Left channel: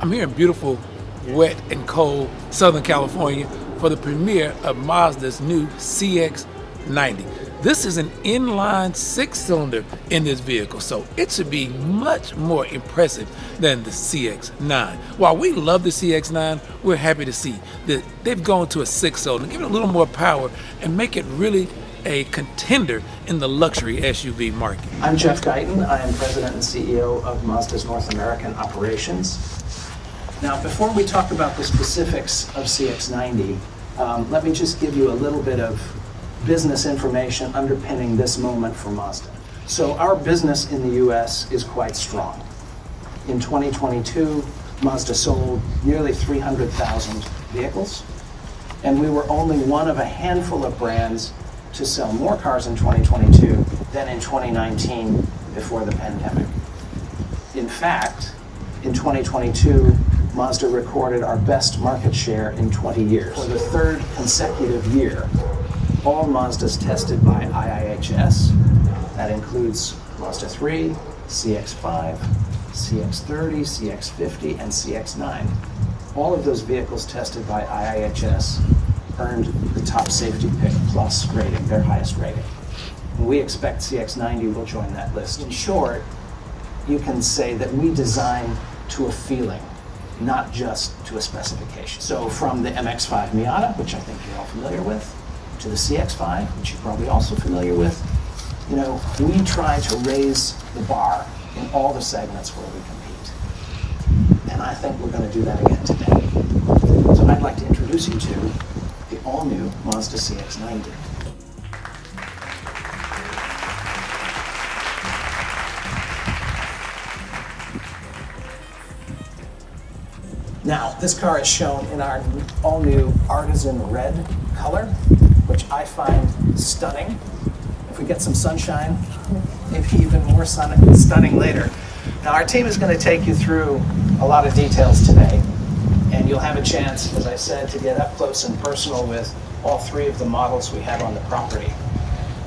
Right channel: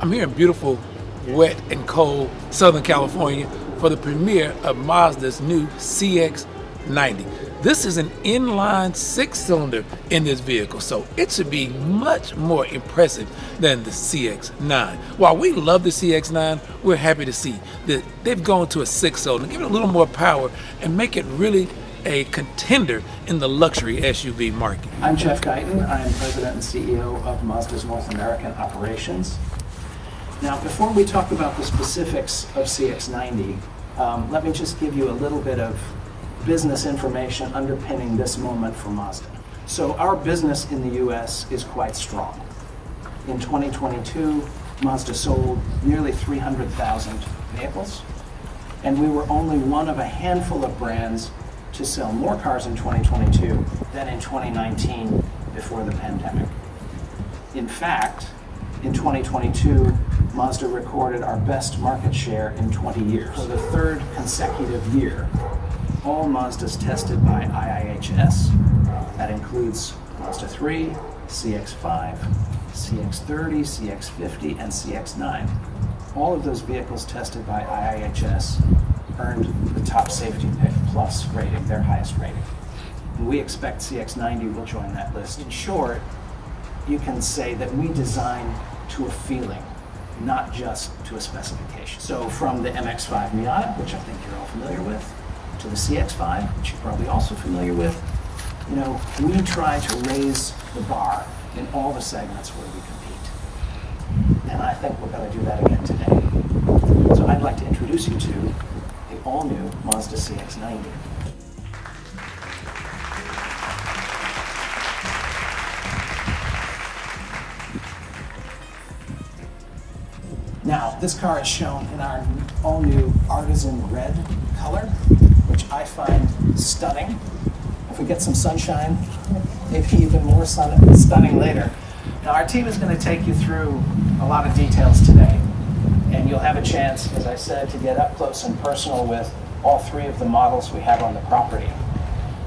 I'm here in beautiful, wet and cold Southern California for the premiere of Mazda's new CX-90. This is an inline 6-cylinder in this vehicle, so it should be much more impressive than the CX-9. While we love the CX-9, we're happy to see that they've gone to a 6-cylinder, give it a little more power and make it really a contender in the luxury SUV market. I'm Jeff Guyton. I am President and CEO of Mazda's North American operations. Now, before we talk about the specifics of CX-90, let me just give you a little bit of business information underpinning this moment for Mazda. So our business in the US is quite strong. In 2022, Mazda sold nearly 300,000 vehicles, and we were only one of a handful of brands to sell more cars in 2022 than in 2019 before the pandemic. In fact, in 2022, Mazda recorded our best market share in 20 years. For the third consecutive year, all Mazdas tested by IIHS, that includes Mazda 3, CX-5, CX-30, CX-50, and CX-9. All of those vehicles tested by IIHS earned the top Safety Pick Plus rating, their highest rating. And we expect CX-90 will join that list. In short, you can say that we design to a feeling, not just to a specification. So from the MX-5 Miata, which I think you're all familiar with, to the CX-5, which you're probably also familiar with, you know, we try to raise the bar in all the segments where we compete. And I think we're going to do that again today. So I'd like to introduce you to the all-new Mazda CX-90. Now, this car is shown in our all-new artisan red color, which I find stunning. If we get some sunshine, maybe even more stunning later. Now, our team is going to take you through a lot of details today, and you'll have a chance, as I said, to get up close and personal with all three of the models we have on the property.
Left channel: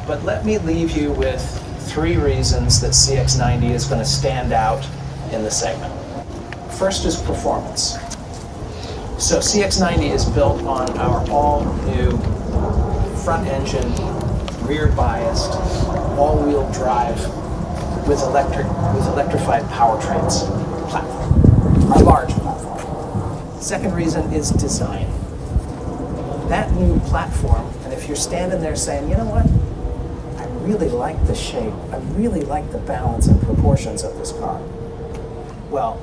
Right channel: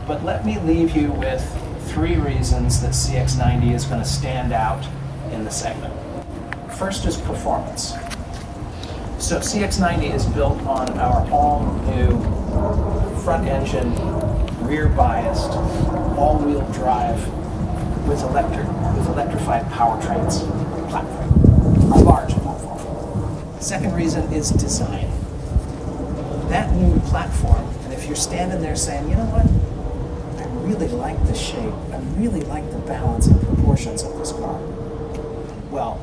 But let me leave you with 3 reasons that CX-90 is going to stand out in the segment. First is performance. So CX-90 is built on our all-new front-engine, rear-biased, all-wheel drive with electrified powertrains platform, our large platform. Second reason is design. That new platform, and if you're standing there saying, you know what, I really like the shape, I really like the balance and proportions of this car. Well,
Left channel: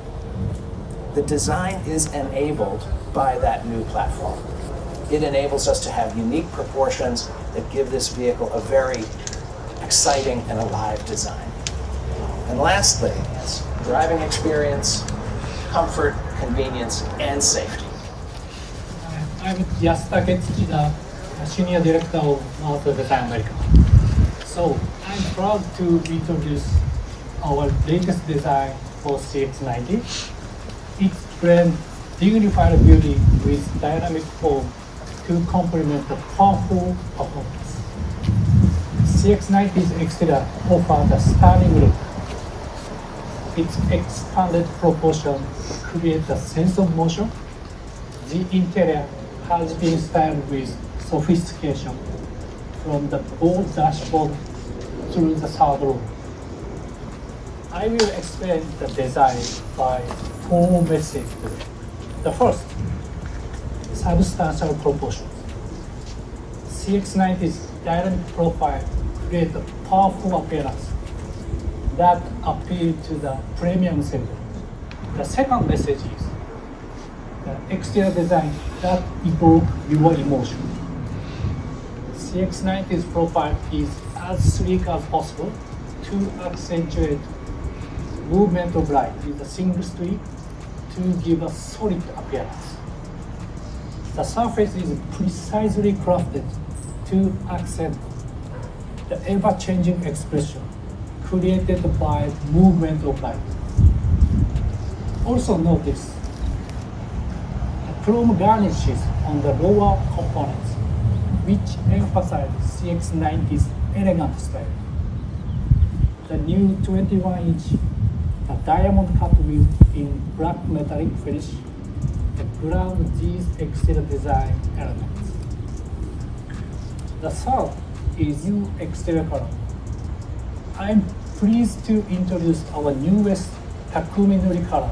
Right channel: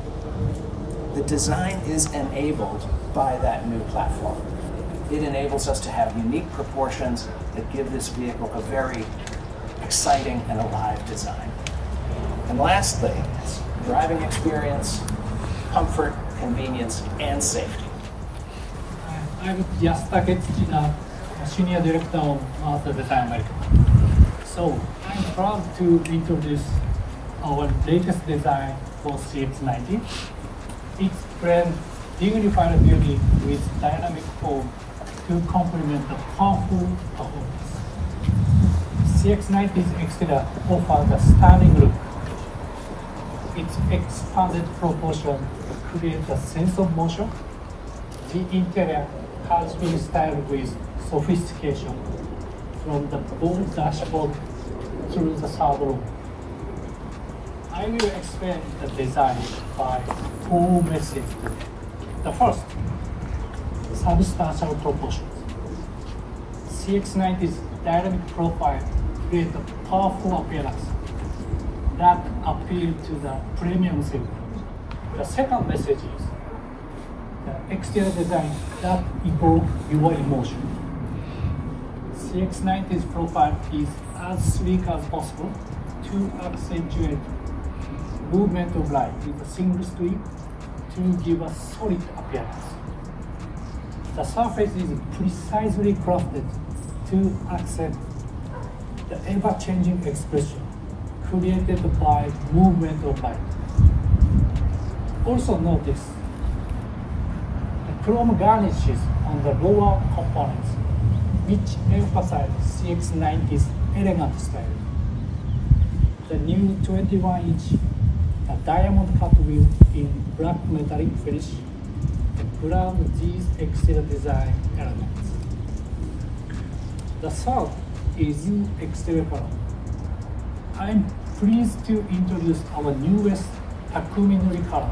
the design is enabled by that new platform. It enables us to have unique proportions that give this vehicle a very exciting and alive design. And lastly, driving experience, comfort, convenience, and safety. I'm just the Senior Director of Mazda Design America. So I'm proud to introduce our latest design for CX-90. It's blends dignified beauty with dynamic form to complement the powerful performance. CX-90's exterior offers a stunning look. Its expanded proportion creates a sense of motion. The interior has been styled with sophistication from the bold dashboard through the third row. I will explain the design by 4 messages. The first, substantial proportion. CX-90's dynamic profile creates a powerful appearance that appeal to the premium segment. The second message is the exterior design that evokes your emotion. CX-90's profile is as sleek as possible to accentuate movement of light with a single streak to give a solid appearance. The surface is precisely crafted to accent the ever-changing expression created by movement of light. Also notice the chrome garnishes on the lower components, which emphasize CX-90's elegant style. The new 21-inch diamond cut wheel in black metallic finish to ground these exterior design elements. The third is new exterior color. I'm pleased to introduce our newest Takumi Nuri color,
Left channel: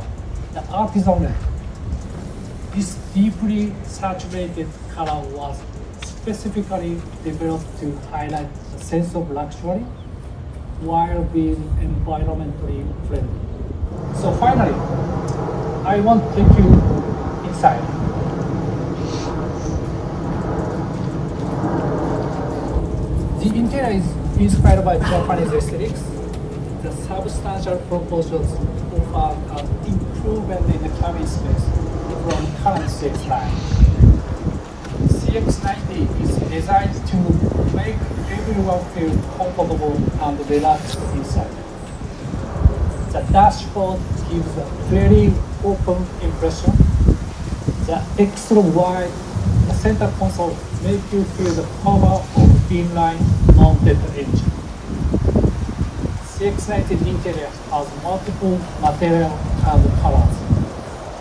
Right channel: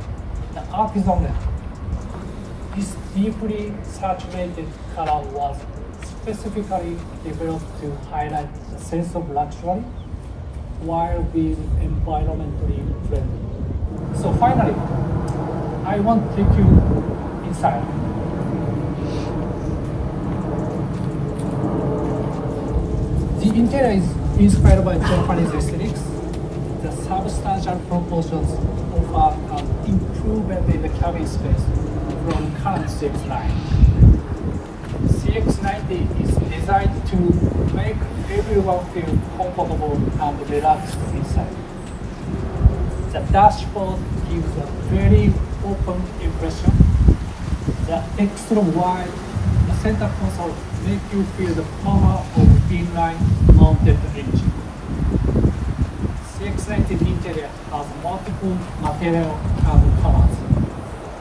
the Artisan Red. This deeply saturated color was specifically developed to highlight a sense of luxury while being environmentally friendly. So finally, I want to take you inside. The interior is inspired by Japanese aesthetics. The substantial proportions offer an improvement in the cabin space from current CX line. CX90 is designed to make everyone feel comfortable and relaxed inside. The dashboard gives a very open impression. The extra wide center console makes you feel the power of inline mounted engine. CX90 interior has multiple materials and colors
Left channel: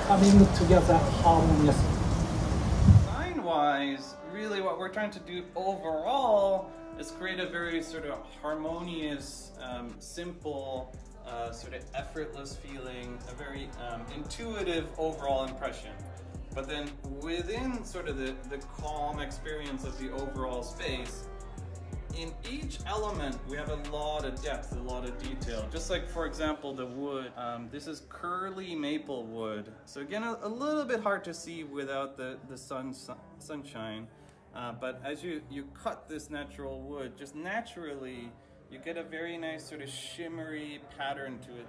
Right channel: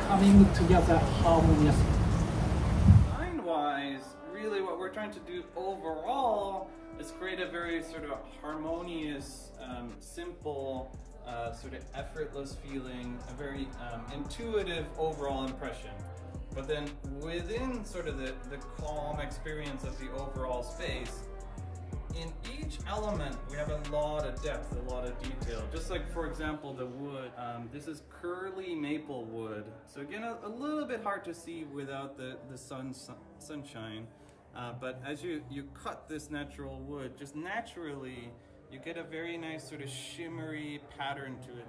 coming together harmoniously. Design-wise, really what we're trying to do overall is create a very sort of harmonious, simple, sort of effortless feeling, a very intuitive overall impression. But then within sort of the calm experience of the overall space, in each element we have a lot of depth, a lot of detail. Just like, for example, the wood. This is curly maple wood. So again, a little bit hard to see without the sunshine. But as you cut this natural wood, just naturally, you get a very nice sort of shimmery pattern to it.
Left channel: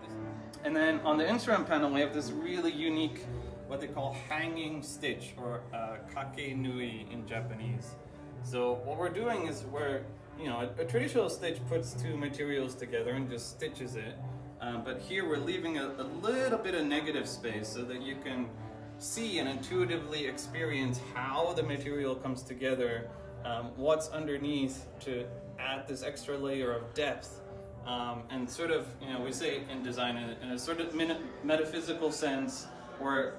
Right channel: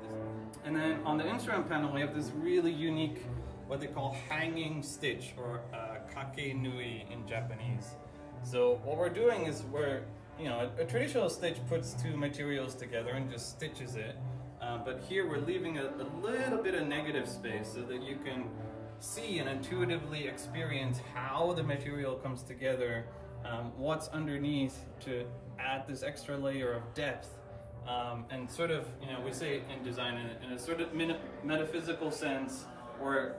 And then on the instrument panel, we have this really unique, what they call hanging stitch, or kake nui in Japanese. So what we're doing is a traditional stitch puts two materials together and just stitches it. But here we're leaving a little bit of negative space so that you can see and intuitively experience how the material comes together, what's underneath to add this extra layer of depth. And sort of, we say in design in a sort of metaphysical sense, we're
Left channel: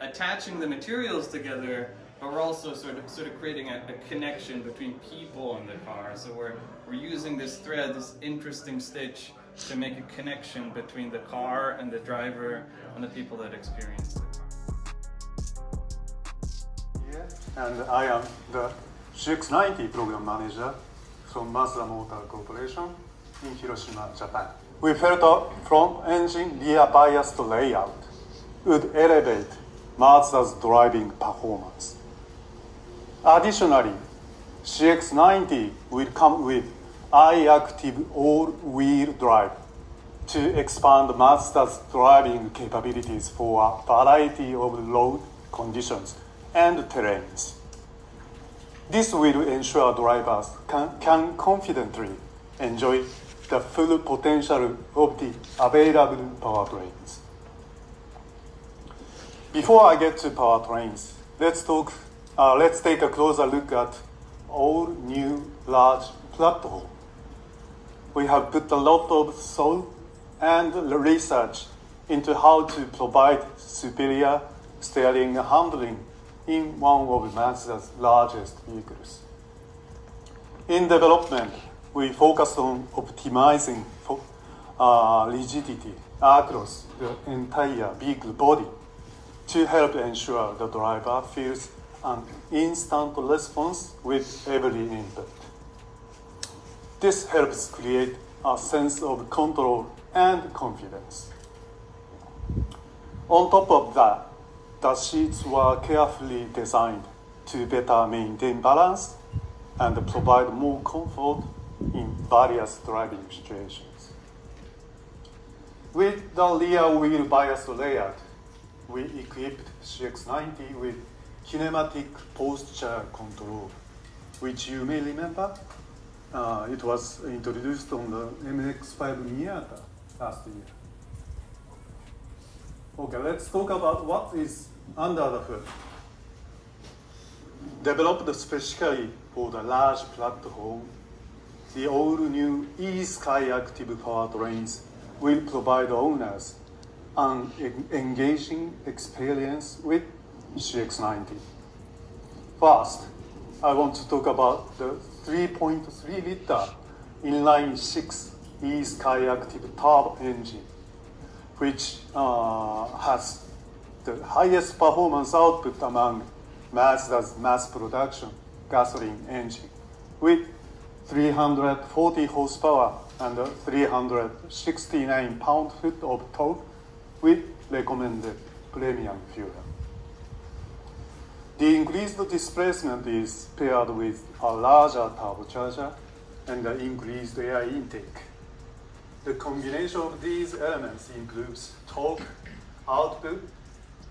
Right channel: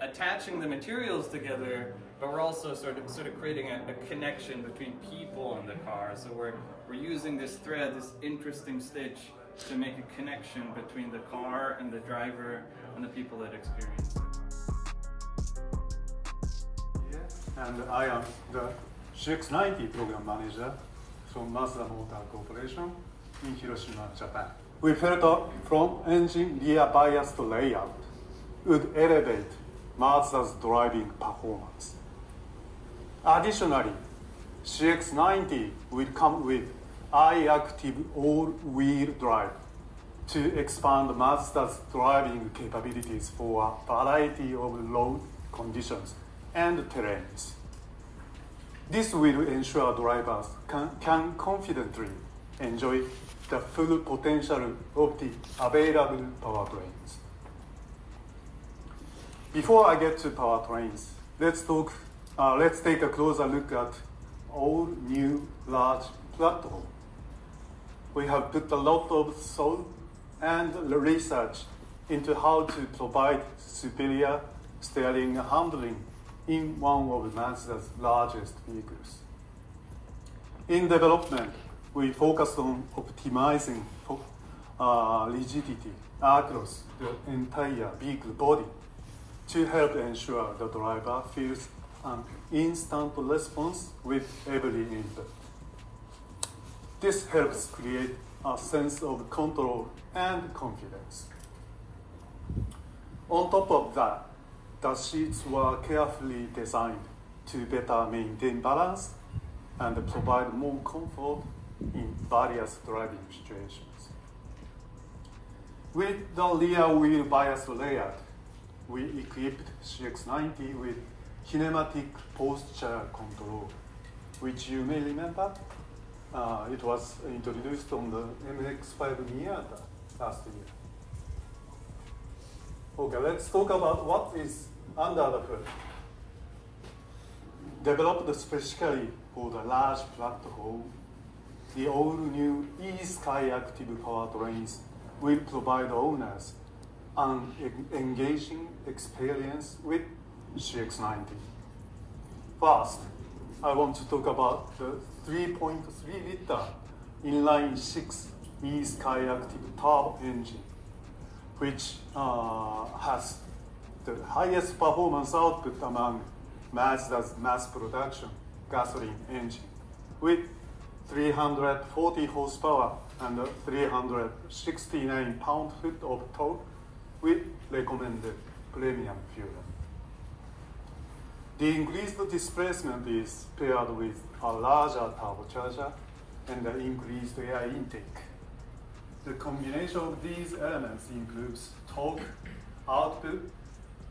attaching the materials together, but we're also sort of creating a connection between people and the car. So we're using this thread, this interesting stitch, to make a connection between the car and the driver and the people that experience it. And I am the CX90 program manager from Mazda Motor Corporation in Hiroshima, Japan. We felt a front engine rear biased layout would elevate Mazda's driving performance. Additionally, CX90 will come with i-Active all-wheel drive to expand Mazda's driving capabilities for a variety of road conditions and terrains. This will ensure drivers can confidently enjoy the full potential of the available powertrains. Before I get to powertrains, let's take a closer look at all new large platform. We have put a lot of thought and research into how to provide superior steering and handling in one of Mazda's largest vehicles. In development, we focused on optimizing rigidity across the entire vehicle body to help ensure the driver feels an instant response with every input. This helps create a sense of control and confidence. On top of that, the seats were carefully designed to better maintain balance and provide more comfort in various driving situations. With the rear wheel bias layout, we equipped CX90 with kinematic posture control, which you may remember. It was introduced on the MX-5 Miata last year. Okay, let's talk about what is under the hood. Developed specifically for the large platform, the all-new e-Sky Active powertrains will provide owners an engaging experience with CX-90. First, I want to talk about the 3.3-liter inline-6 E-Sky Active turbo engine, which has the highest performance output among Mazda's mass production gasoline engine, with 340 horsepower and 369 pound-foot of torque with recommended premium fuel. The increased displacement is paired with a larger turbocharger and the increased air intake. The combination of these elements improves torque, output,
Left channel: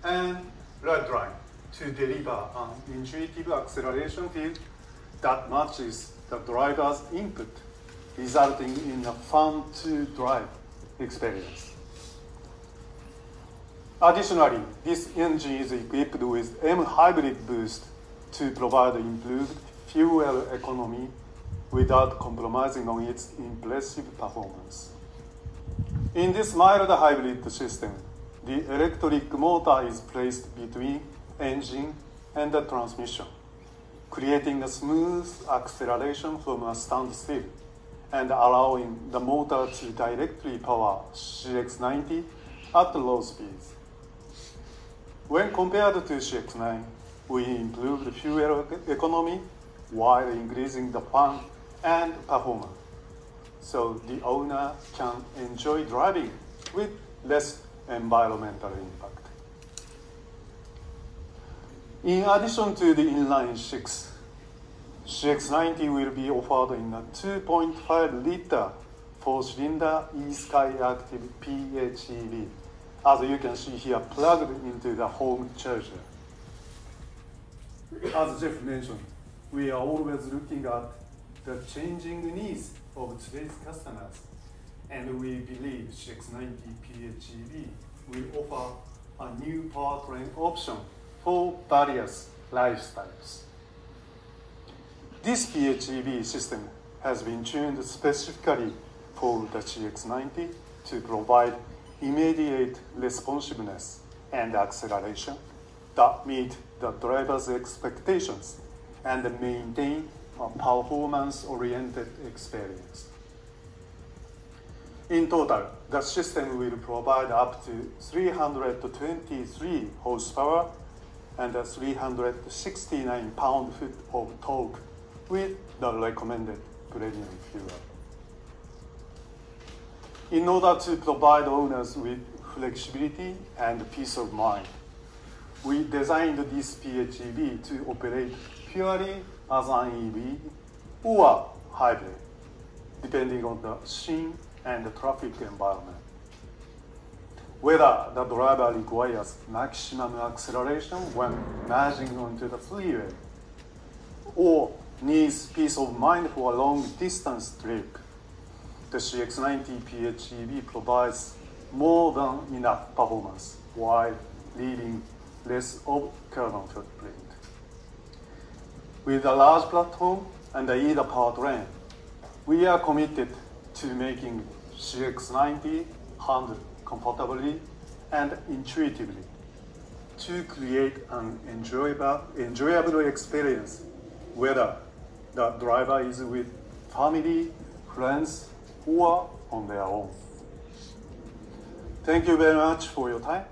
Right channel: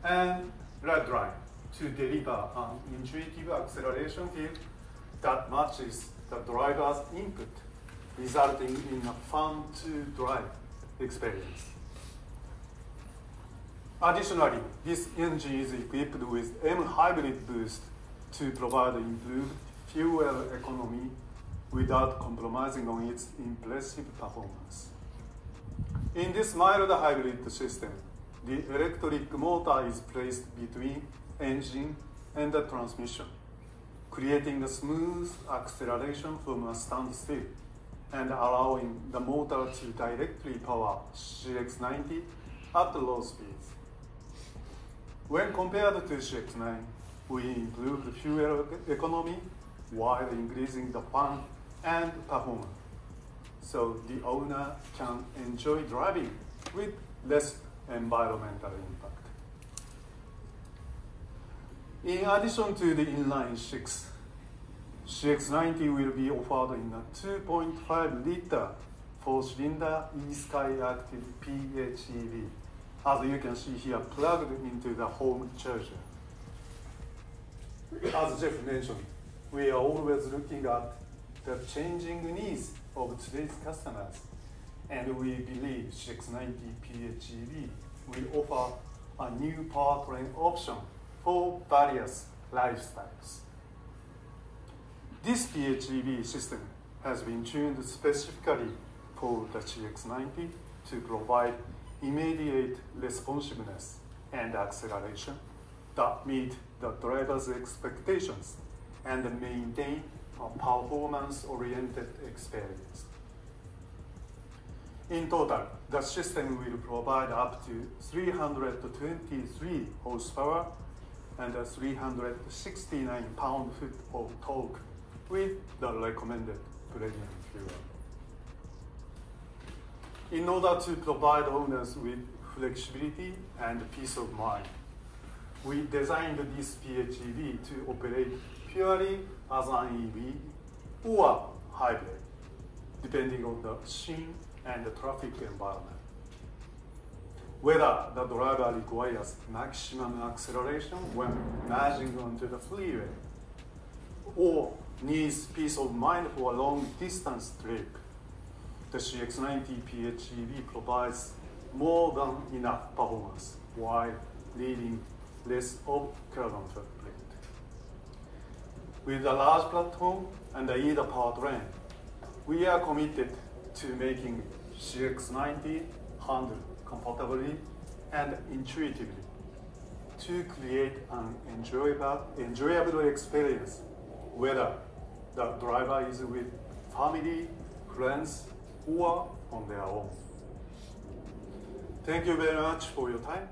and ride line to deliver an intuitive acceleration field that matches the driver's input, resulting in a fun-to-drive experience. Additionally, this engine is equipped with M-Hybrid boost to provide improved fuel economy without compromising on its impressive performance. In this mild hybrid system, the electric motor is placed between engine and the transmission, creating a smooth acceleration from a standstill and allowing the motor to directly power CX-90 at low speeds. When compared to CX-9, we improved fuel economy while increasing the fun and performance, so the owner can enjoy driving with less environmental impact. In addition to the inline-6, CX-90 will be offered in a 2.5-liter 4-cylinder E-Sky Active PHEV, as you can see here, plugged into the home charger. As Jeff mentioned, we are always looking at the changing needs of today's customers, and we believe CX-90 PHEV will offer a new powertrain option for various lifestyles. This PHEV system has been tuned specifically for the CX-90 to provide immediate responsiveness and acceleration that meet the driver's expectations and maintain a performance-oriented experience. In total, the system will provide up to 323 horsepower and 369 pound-foot of torque with the recommended premium fuel. In order to provide owners with flexibility and peace of mind, we designed this PHEV to operate purely as an EV or hybrid, depending on the scene and the traffic environment. Whether the driver requires maximum acceleration when merging onto the freeway, or needs peace of mind for a long-distance trip, the CX-90 PHEV provides more than enough performance while leaving less of carbon footprint. With a large platform and either powertrain, we are committed to making CX-90 handle comfortably and intuitively to create an enjoyable experience, whether the driver is with family, friends, or on their own. Thank you very much for your time.